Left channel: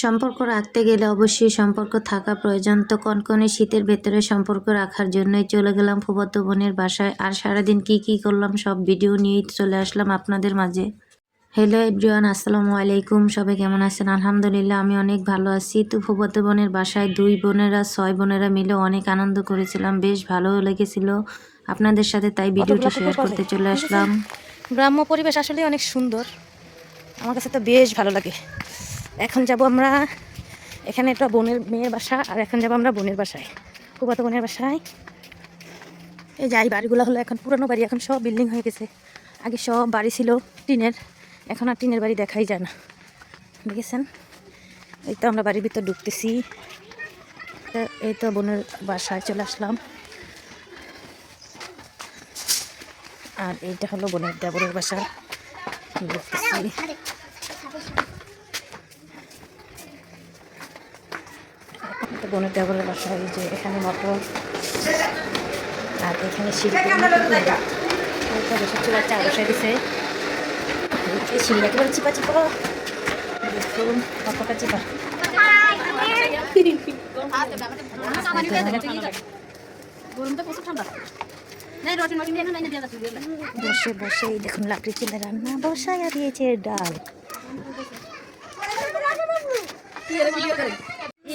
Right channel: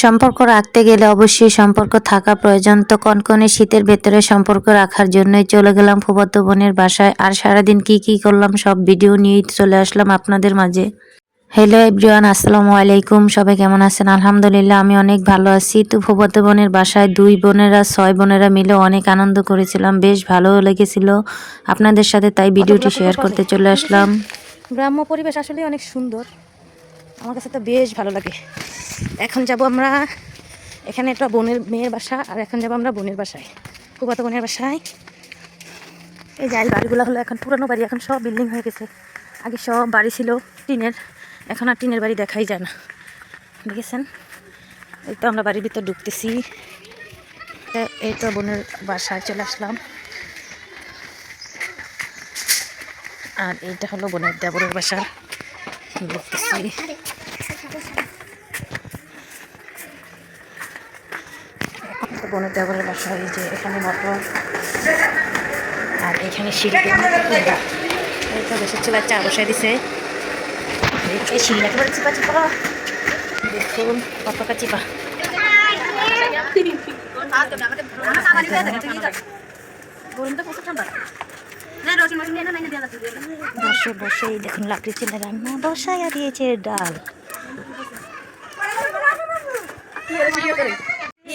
সম্পর্ক রাখতে গেলে অবশ্যই সম্পর্ক থাকা প্রয়োজন। তো কনকনে শীতের ভেতরে সম্পর্ক রাখার জন্যই চলে গেলাম ফুফাতো বোনের বাসায়। আর সারাদিন কি কি করলাম সব ভিডিও নিয়েই চলে আসলাম আপনাদের মাঝে। হ্যালো এভরিওয়ান আসসালামু আলাইকুম। সবাই কেমন আছেন? আলহামদুলিল্লাহ আমি অনেক ভালো আছি। তো ফুফাতো বোনের বাসায় দুই বোনেরা ছয় বোনেরা মিলে অনেক আনন্দ করেছিলাম। বেশ ভালো লেগেছিল আপনাদের সাথে তাই ভিডিওটি শেয়ার করতে চলে আসলাম। গ্রাম্য পরিবেশ আসলে অনেক সুন্দর। আমার কাছে তো বেশ ভালো লাগে। এখন যাব আমরা, এখানে একটা বোনের মেয়ের বাসা, আর এখন যাব আমরা বোনের বাসায়। কুবাতো বোনের বাসায়। এই যাই বাড়িগুলো হলো এখন পুরানো বাড়ি, এখন সব বিল্ডিং হয়ে গেছে। আগে সব বাড়ি ছিল টিনের, এখন আর টিনের বাড়ি দেখাই যায় না। দেখেছেন? এই তো আমরা বাড়ির ভিতর ঢুকতেছি। এই তো বোনের বাসায় চলে আসলাম। আর এইটা হলো বোনের দেবরের বাসা। ঢুকতেছি এটা বোনের দেবরের বাসা এই যে এখানে মটর আর এখানে শিল্পী ওইটা বসে চলে চা বসাই দিছে। এই শিল একেবারে চিপা চিপা দেখুন, কতটা চিপা। বসে বসে দেখুন, লাকড়ি চুলে রান্না বসাইয়া দিয়েছে ডাল।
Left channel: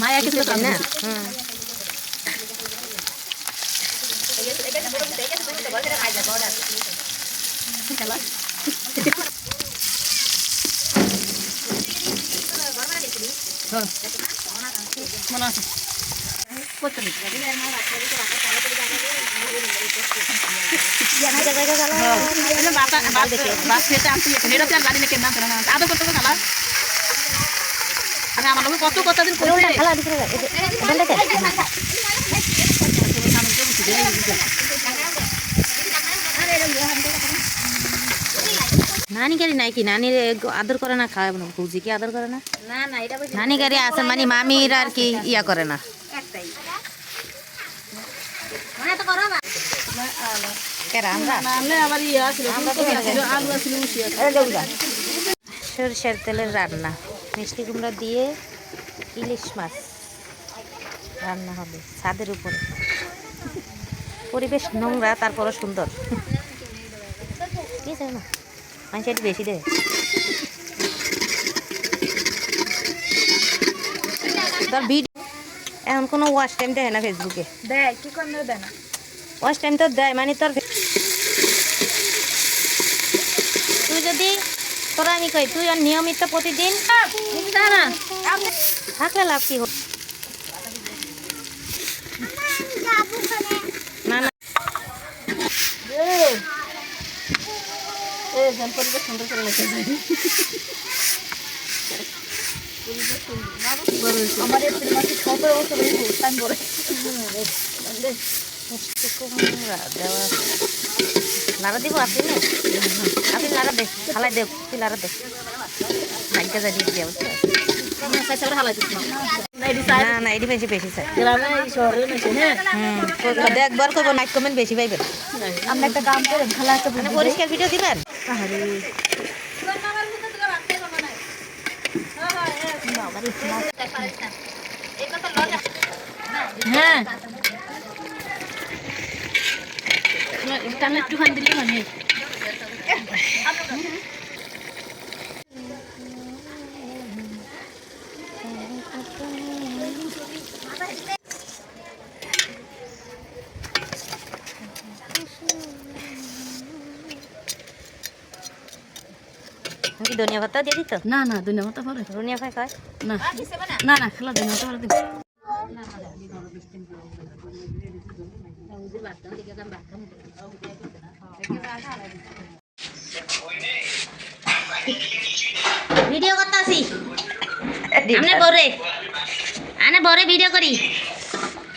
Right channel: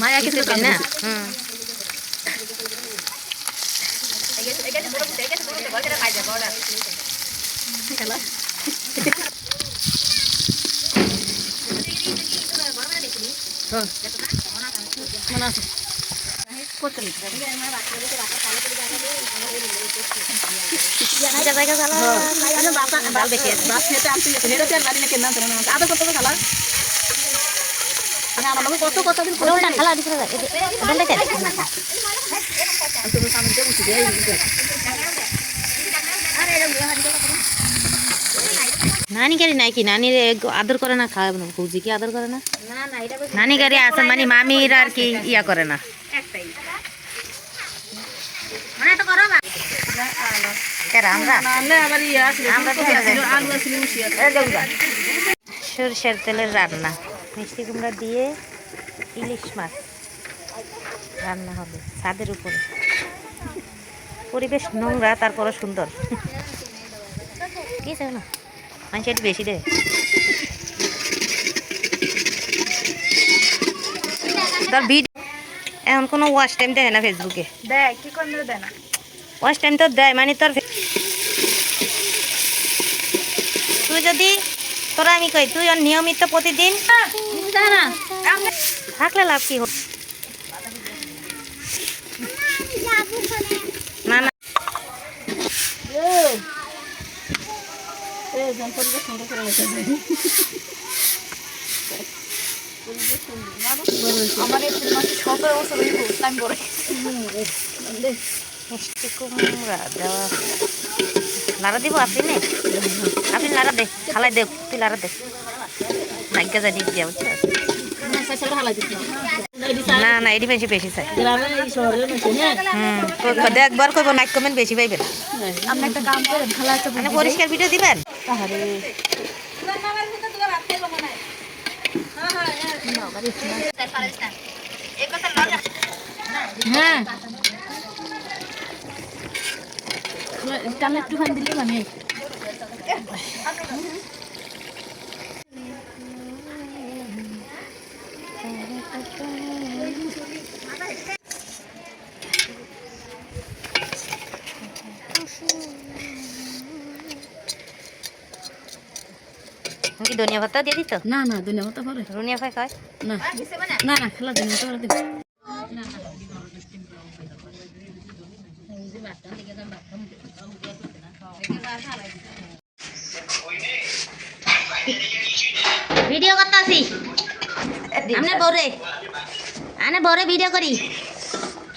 মায়া কিছু না হুম জায়গা জায়গা জ্বালা ডাল দেখে কত কত দিন উল্টা খালা দিতে যায় উল্টা যায় নানি গাড়ি নাই কি নানি আদর করে না খাওয়াবে না। ভৌজি কি আদর করে না? নানি গাড়ি আছে মানে মামিরা আর কি ইয়া করে না। মানে ইয়ে সরষের তেলের রান্না। মিষ্টি কুমড়া দিয়ে ইলিশ মাছ রান্না হবে ছাদের উপরে। পরিবেশ নোংরা তারপরে সুন্দর। কি না? মানুষ একটু বেশি দেয় তোর ভিডিও এখন কোনো ওয়াশ টাইম দেয় না ফেসবুকে দেয় কি করে দেয় না? ওয়াশ টাইম তো দেয় মানে তোর তুই যদি তোরা আমি কই তুই নিয়মিত প্রতিদিন থাকলে লাভ কি হল না না সুন্দর করে লেখা যায় কুমড়া দেওয়া লাড়া দিব আপনি নে। আপনি লাড়া দে খালাই দে, তুই লাড়া দে। নাগ্যা যা দিয়ে দিয়া বুঝছ না না এটি বেশি বেশি চাই। হুম একবার করব নাইট কমেন্ট বেশি পাইবেন। মানে পরিষ্কার ভিডিও দিবেন? হ্যাঁ। একটুখানি দিলে মানে কি ধনিয়া পাতা দিয়ে দিত না না ধন্যবাদ পরে ধনিয়া পাই কয় না না না খেলা ধন্যবাদ পরে দিন ভিডিও করতে আসি আমনে বরে আনে বরে ভিডিও করি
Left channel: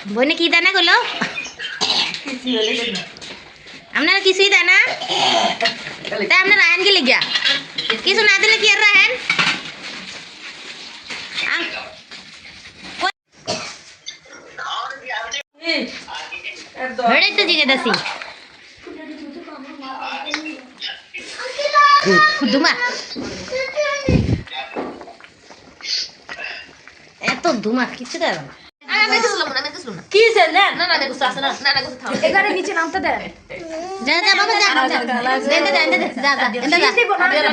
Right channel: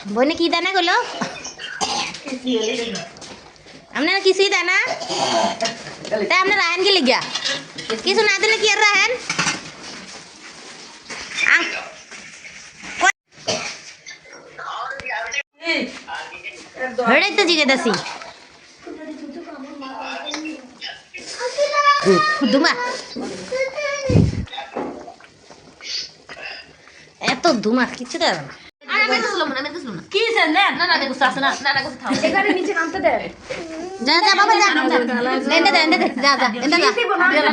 বইনে কি দানা করল আপনারা কিছুই দেয় না তাই আপনার রায়ন কি লিখা কিছু না দিলে কি আর রাহেন হেড়েই তো জিজ্ঞেস দুমা এত ধুমা কিছু দেয় না যা যা বাবা যা যা যা যা